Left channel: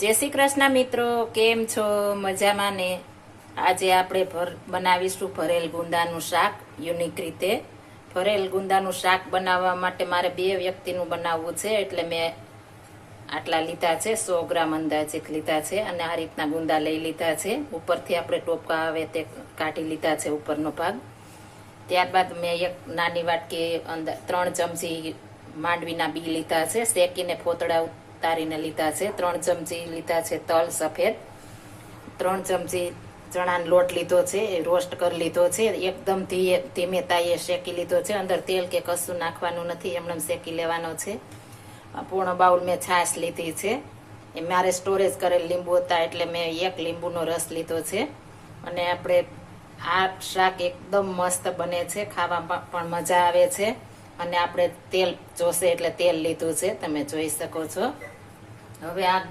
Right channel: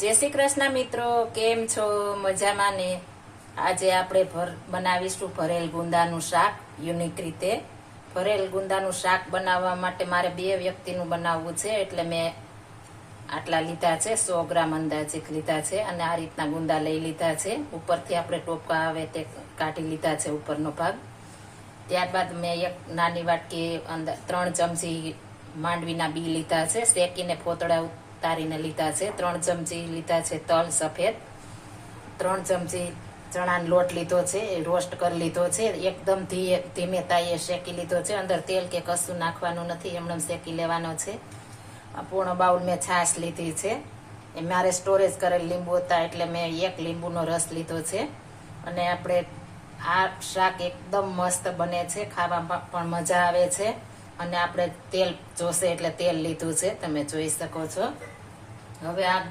જય શ્રી કૃષ્ણ મિત્રો, કેમ છો? મજામાં ને? આજે આપણે બનાવીશું ભરેલ ગુંદાનું શાક યુનિક રીતે. ભરેલ ગુંદાનું શાક બનાવવા માટે મારે 2 વ્યક્તિનું બનાવવું છે, એટલે મેં આટલા લીધા છે, 100 ગ્રામ અંદાજિત લીધા છે અને આ રીતના ગુંદા લઈ લીધા છે. ઉપરથી આપણે ટોપકા આવે તે કાઢી લીધા છે, ઉપરનો ભાગ. ત્યારબાદ મેં એક નાની વાટકી અંદર 3 ચમચી માંડવીના બી લીધા છે, શેકીને ફોતળા ઉતારીને લીધા છે. 3 ચમચી લીધા છે તલ સફેદ. 3 ચમચી ચણાનો લોટ લીધો છે, રોસ્ટ કરી લીધો છે. એકદમ ધીમે તાઈએ શેકી લીધો છે, અંદર તેલ કે કશું નાખવાનું નથી, એમને શેકી લેવાનો છે. પૂર્ણ બાઉલ મેં છાશ લીધી છે. એ મારે સ્ટોરેજ કરેલ લીંબુ હતા એટલે મેં 1 લીંબુનો રસ લીધો છે. અને આપણે આ શાક એકદમ મસ્ત બને છે, ખાવામાં પણ મજા આવે છે. અને આપણે તેલ જોશે એટલે તેલ લીધું છે, તમે જોઈ શકો છો. હવે આ